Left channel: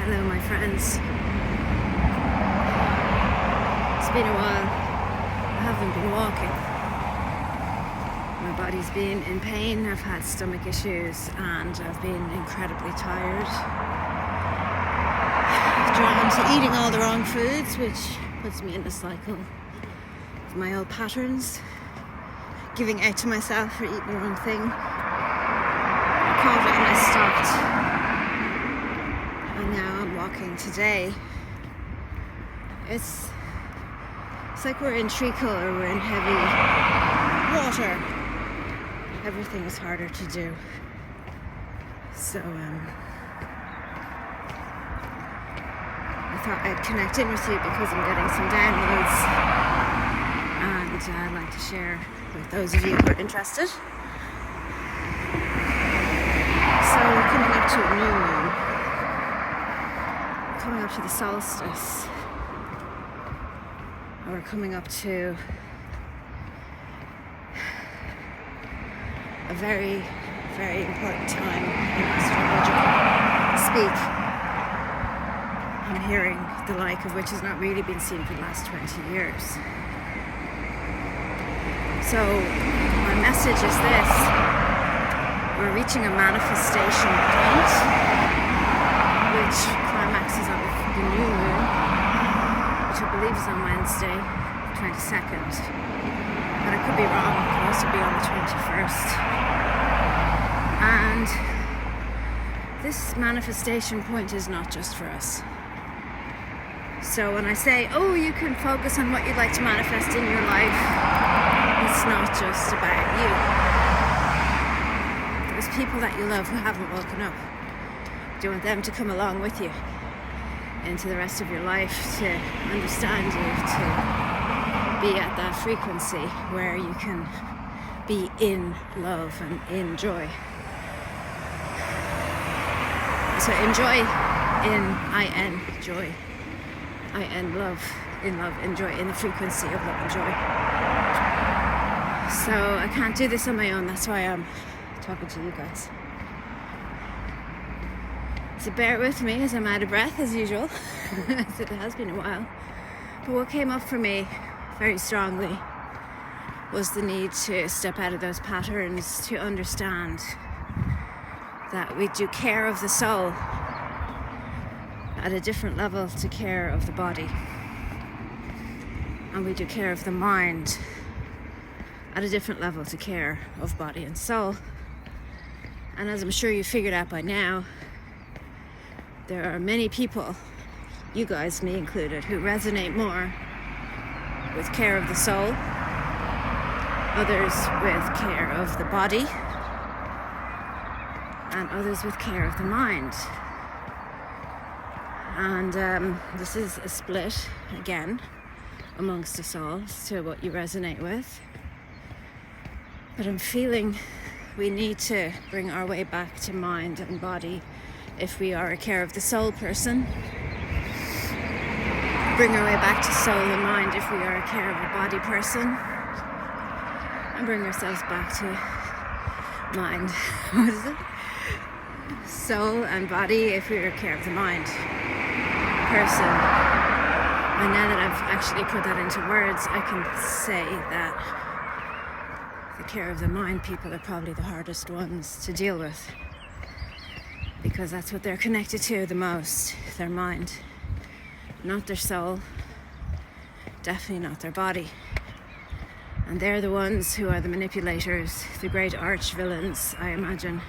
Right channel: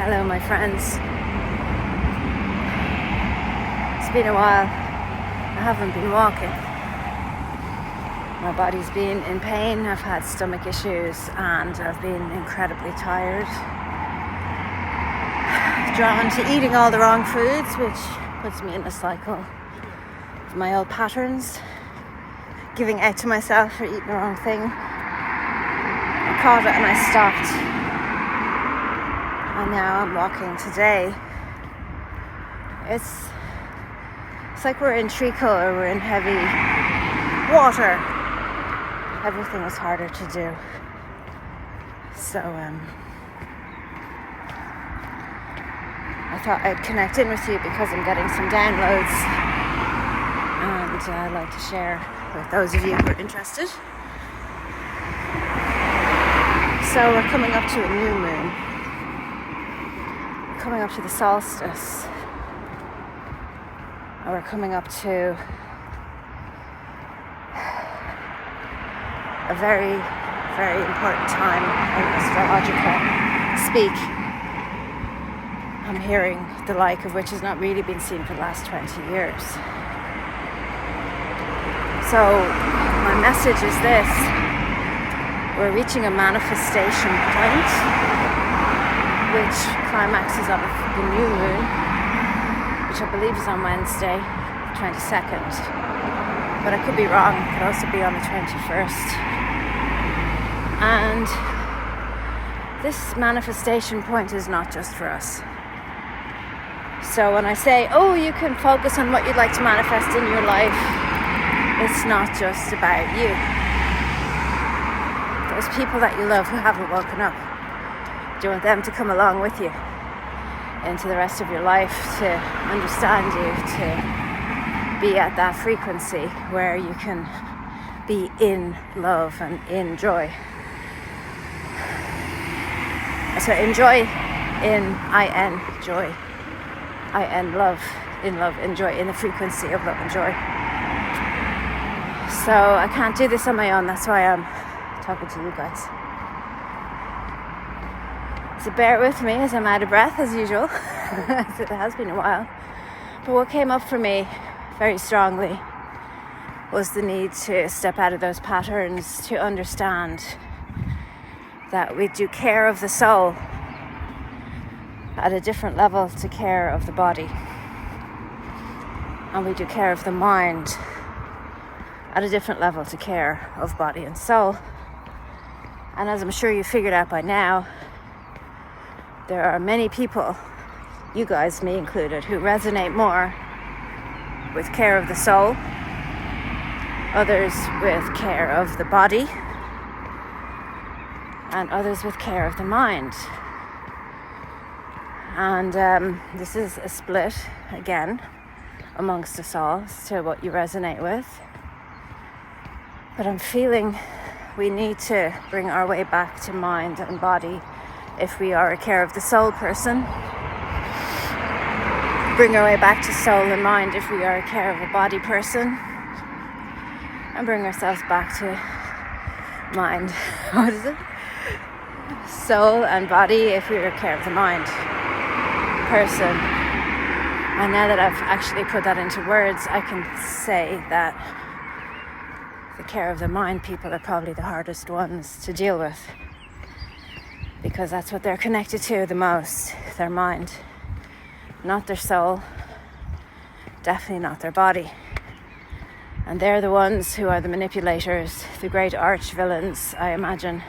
Hello, my friends. It's been a while. I haven't been walking. My body's been in pain. I've had stomach issues and I've been incredibly tired. Drawn to eating all the wrong foods, which puts me in a cycle of my old patterns. Giving out to myself for eating the wrong thing. I caught it and I stopped. And now I'm walking today. It's like we're in treacle or we're in heavy water. Everything is harder to do. So I thought I'd connect in with you because I'm getting some downloads and I'd like to share with those of you who are interested. So we're coming up to a new moon. Coming up to the solstice, and we're coming up to a very, very important time in astrological speak. I'm hearing the like of which has not really been seen for the last 20 years. So my message is this: we're reaching a manifestation point, which climaxes on the new moon, which I believe is on Wednesday, 22nd. But I could be wrong, it could also be on the 21st. And this manifestation point is not just for us. So when I say, oh, you can focus on what you'd like to manifest in your life, it's not just about you. Those people that you love who haven't woken up, do you want them to come along with you into the rest of your life, to understand you, to be at that frequency where you can be in love and in joy. So enjoy, in I-N, joy. I-N, love, in joy, in the frequency of love and joy. So I can't do this on my own, that's why I'm talking to you guys. So bear with me as I'm out of breath as usual. It has been a while. But what came up for me very strongly was the need to step out of those patterns, to understand that we do care of the soul at a different level to care of the body. And we do care of the mind at a different level to care of body and soul. And as I'm sure you figured out by now, there are many people, you guys, me included, who resonate more with care of the soul, others with care of the body, and others with care of the mind. And this is a split, again, amongst us all as to what you resonate with. But I'm feeling we need to bring our way back to mind and body if we are a care of the soul person. Bring our way back to soul and mind if we are a care of a body person. And bring ourselves back to mind. What is it? Soul and body if we are a care of the mind person. And now that I've actually put that into words, I can say that the care of the mind people are probably the hardest ones to deal with. Because that's what they're connected to the most, their mind. Not their soul, definitely not their body. And they're the ones who are the manipulators, the great arch villains, I imagine.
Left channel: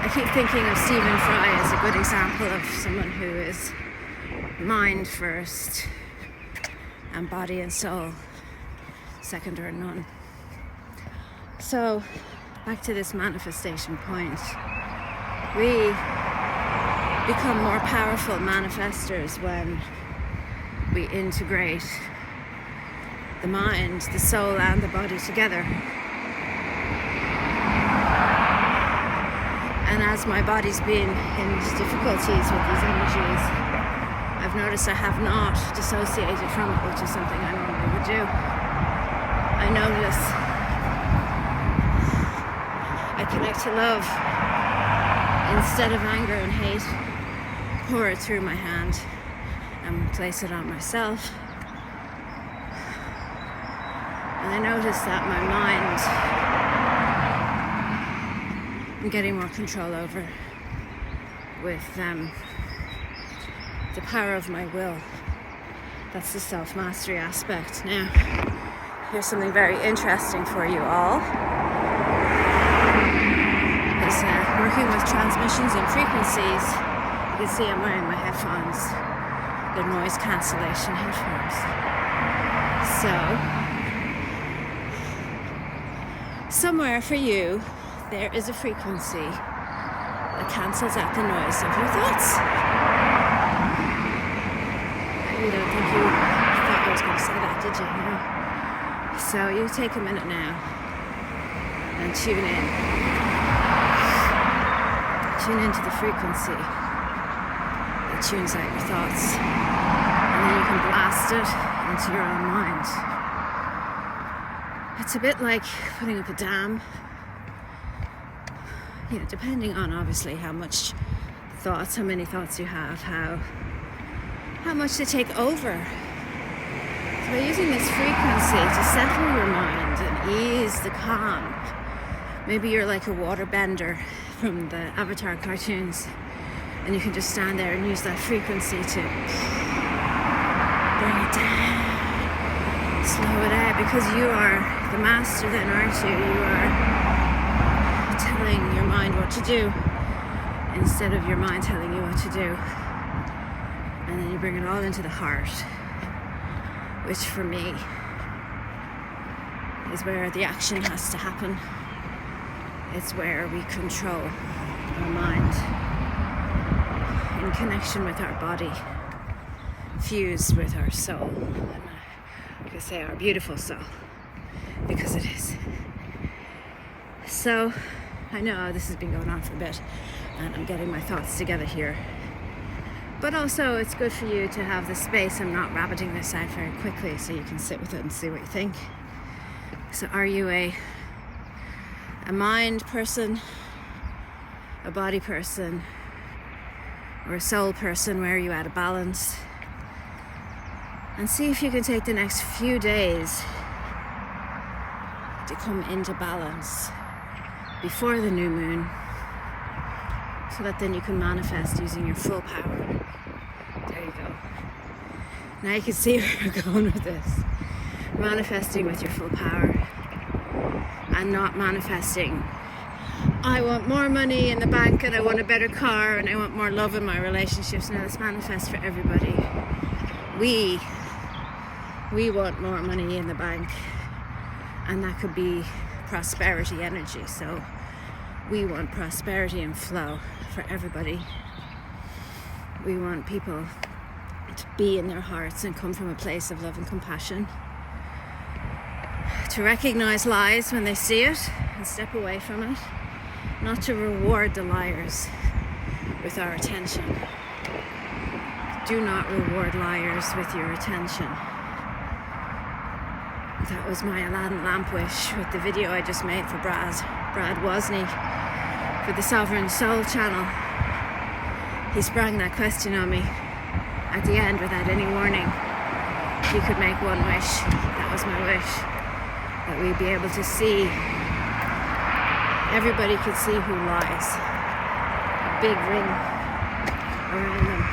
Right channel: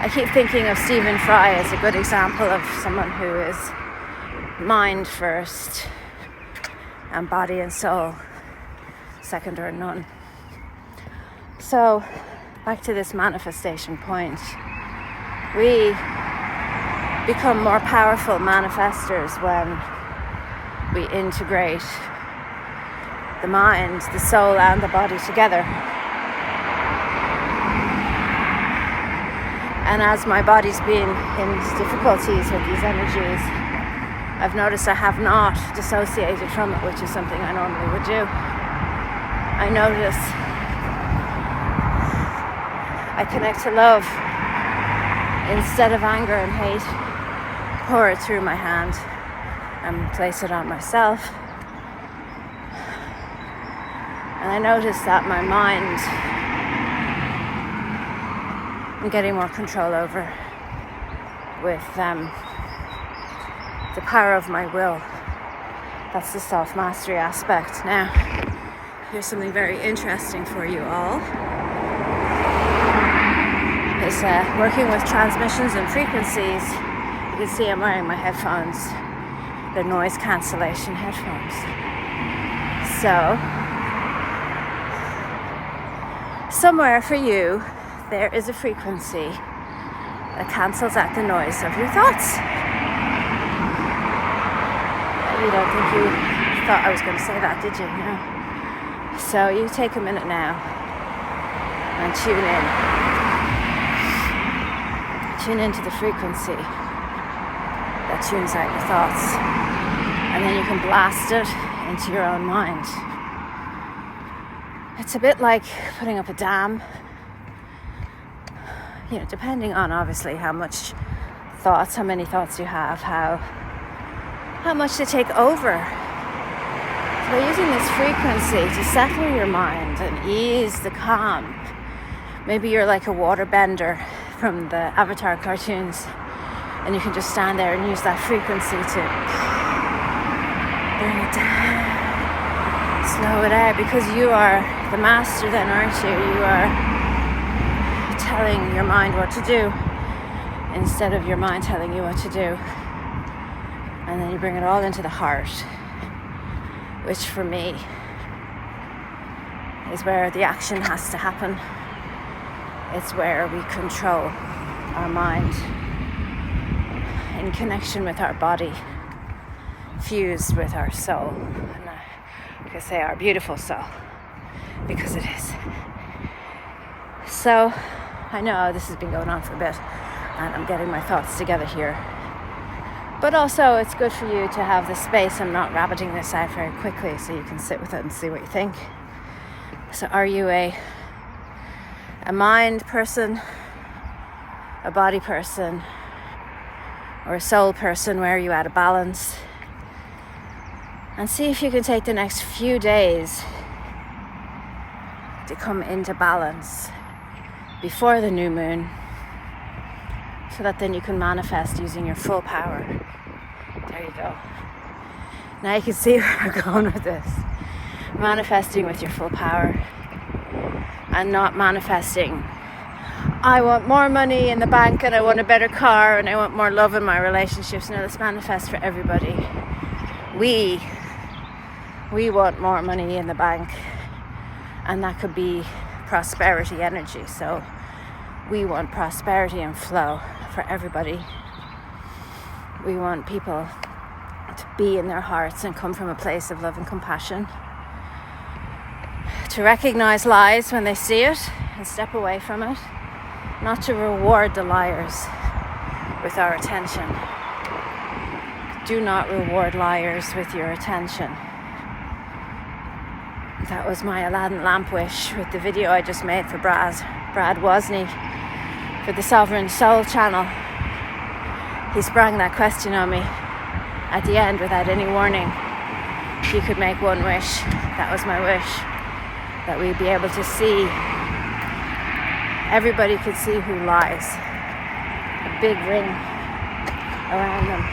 I keep thinking of Stephen Fry as a good example of someone who is mind first and body and soul second or none. So back to this manifestation point. We become more powerful manifestors when we integrate the mind, the soul, and the body together. And as my body's been in difficulties with these energies, I've noticed I have not dissociated from it, which is something I normally would do. I notice I connect to love instead of anger and hate, pour it through my hand and place it on myself. And I notice that my mind, I'm getting more control over with the power of my will. That's the self-mastery aspect. Now, here's something very interesting for you all. Is working with transmissions and frequencies. You can see I'm wearing my headphones. They're noise cancellation headphones. So, somewhere for you, there is a frequency that cancels out the noise of your thoughts. You don't think you thought I was going to say that, did you? No. So you take a minute now and tune in. Tune into the frequency that tunes out your thoughts. And then you can blast it into your own mind. It's a bit like putting up a dam. You know, depending on obviously how many thoughts you have, how much they take over. By using this frequency to settle your mind and ease the calm. Maybe you're like a waterbender from the Avatar cartoons, and you can just stand there and use that frequency to bring it down, slow it out, because you are the master then, aren't you? You are telling your mind what to do instead of your mind telling you what to do. And then you bring it all into the heart, which for me is where the action has to happen. It's where we control our mind in connection with our body, fused with our soul. And I can say our beautiful soul, because it is. So I know this has been going on for a bit, and I'm getting my thoughts together here. But also it's good for you to have the space. I'm not rabbiting this out very quickly, so you can sit with it and see what you think. So are you a mind person, a body person, or a soul person? Where are you at a balance? And see if you can take the next few days to come into balance before the new moon, so that then you can manifest using your full power. There you go. Now you can see where we're going with this. Manifesting with your full power, and not manifesting, I want more money in the bank, and I want a better car, and I want more love in my relationships. Now let's manifest for everybody. We want more money in the bank, and that could be prosperity energy. So we want prosperity and flow for everybody. We want people to be in their hearts and come from a place of love and compassion, to recognize lies when they see it and step away from it, not to reward the liars with our attention. Do not reward liars with your attention. That was my Aladdin lamp wish with the video I just made for Brad Wozni for the Sovereign Soul channel. He sprang that question on me at the end without any warning. If you could make one wish, that was my wish. That we'd be able to see, everybody could see who lies. A big ring around them,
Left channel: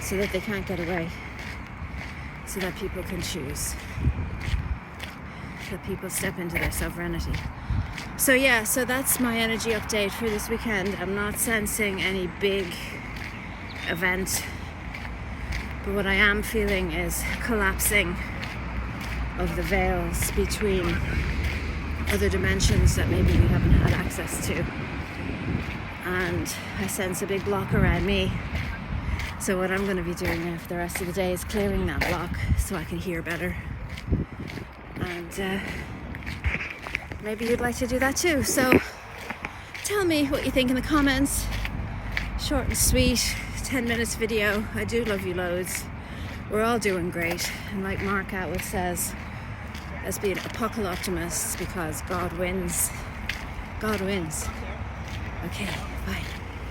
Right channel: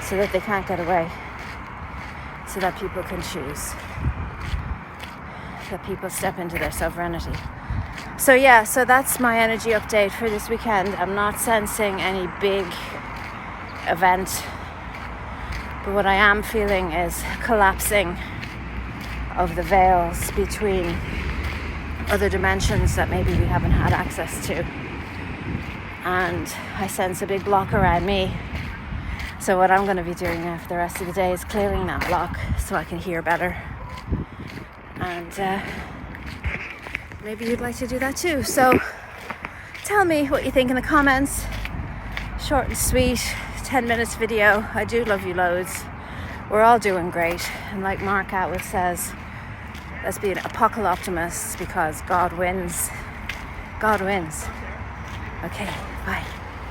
so that they can't get away. So that people can choose. That people step into their sovereignty. So yeah, so that's my energy update for this weekend. I'm not sensing any big event, but what I am feeling is collapsing of the veils between other dimensions that maybe we haven't had access to. And I sense a big block around me. So what I'm going to be doing after the rest of the day is clearing that block so I can hear better. And maybe you'd like to do that too. So tell me what you think in the comments. Short and sweet, 10 minutes video. I do love you loads. We're all doing great. And like Mark Atwood says, let's be an apocalyptimists, because God wins. God wins. Okay, bye.